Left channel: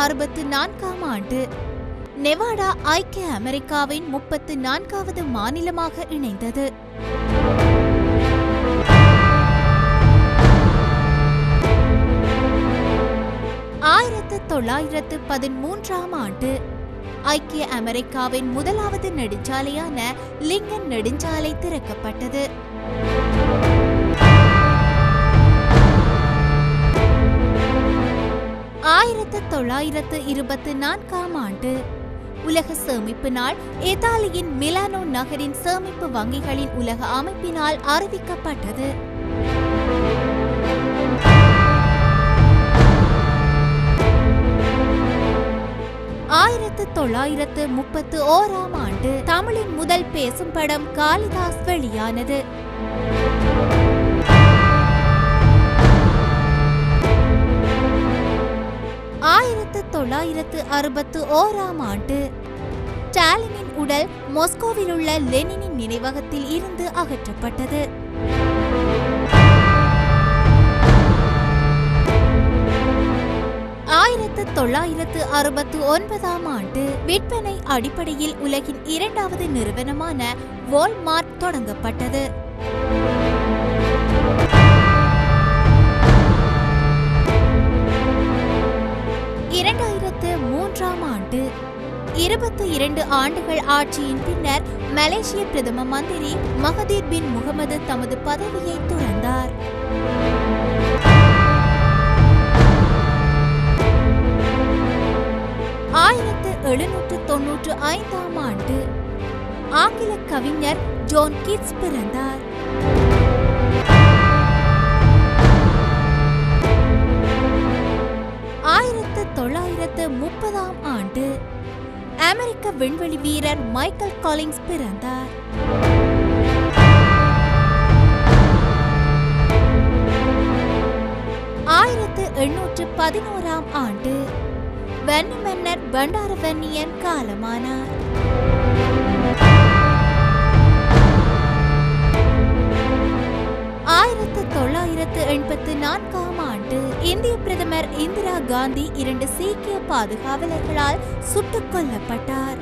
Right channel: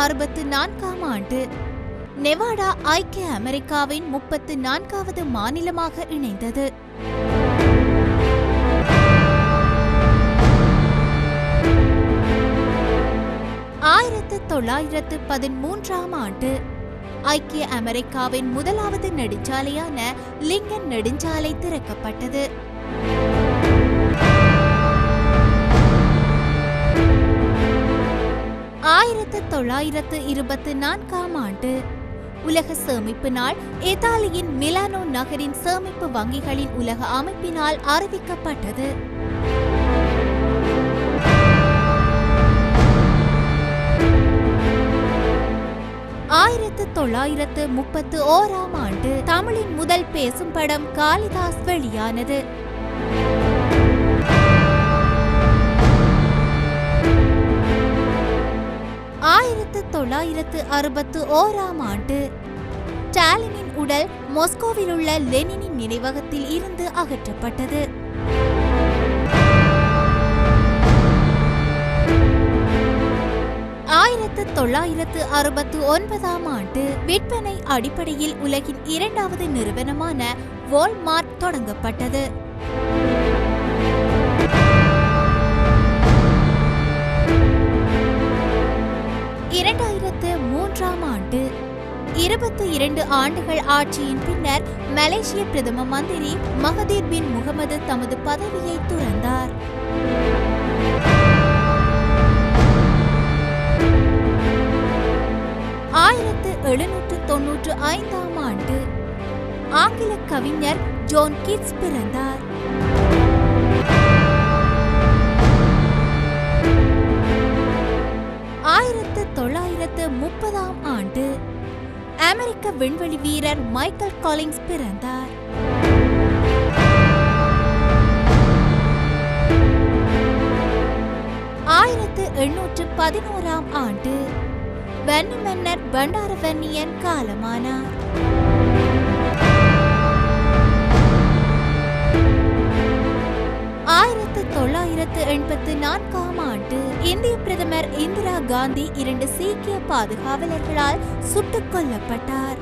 1964ஆம் ஆண்டு நெவாடா ஐக்கிய அமெரிக்காவின் 34வது மாநிலமாக இணைந்தது. 1913ஆம் ஆண்டு ஐக்கிய அமெரிக்காவின் முதலாவது நெடுஞ்சாலையான லிங்கன் நெடுஞ்சாலை திறக்கப்பட்டது. 1924ஆம் ஆண்டு உலக சேமிப்பு நாள் இத்தாலியின் மிலானோ நகரின் சேமிப்பு வங்கிகளின் உலக அமைப்பினால் அறிவிக்கப்பட்டது. 1931ஆம் ஆண்டு தமிழின் முதல் பேசும் படம் காளிதாஸ் வெளியானது. 1961ஆம் ஆண்டு ஸ்டாலினின் உடல் மாஸ்கோவில் உள்ள லெனினின் நினைவகத்தில் இருந்து அகற்றப்பட்டது. 1969ஆம் ஆண்டு விற்பனை அடிப்படையில் உலகின் இரண்டாவது நிறுவனமான வால்மார்ட் தொடங்கப்பட்டது. 2003ஆம் ஆண்டு 22 ஆண்டுகள் ஆட்சியின் பின்னர் மலேசிய பிரதம மந்திரி மகதீர் பின் முகமது தமது பதவியை துறந்தார். 1795ஆம் ஆண்டு ஆங்கில கவிஞர் ஜான் கீட்ஸ் பிறந்தார். 1930ஆம் ஆண்டு அமெரிக்க விண்வெளி வீரர் மைக்கேல் காலின்ஸ் பிறந்தார். 1811ஆம் ஆண்டு வன்னி மன்னர் பண்டாரவன்னியன் காலமானார். 1984ஆம் ஆண்டு இந்திய பிரதமர் இந்திரா காந்தி 2 சீக்கிய பாதுகாவலர்களால் சுட்டுக் கொல்லப்பட்டார்.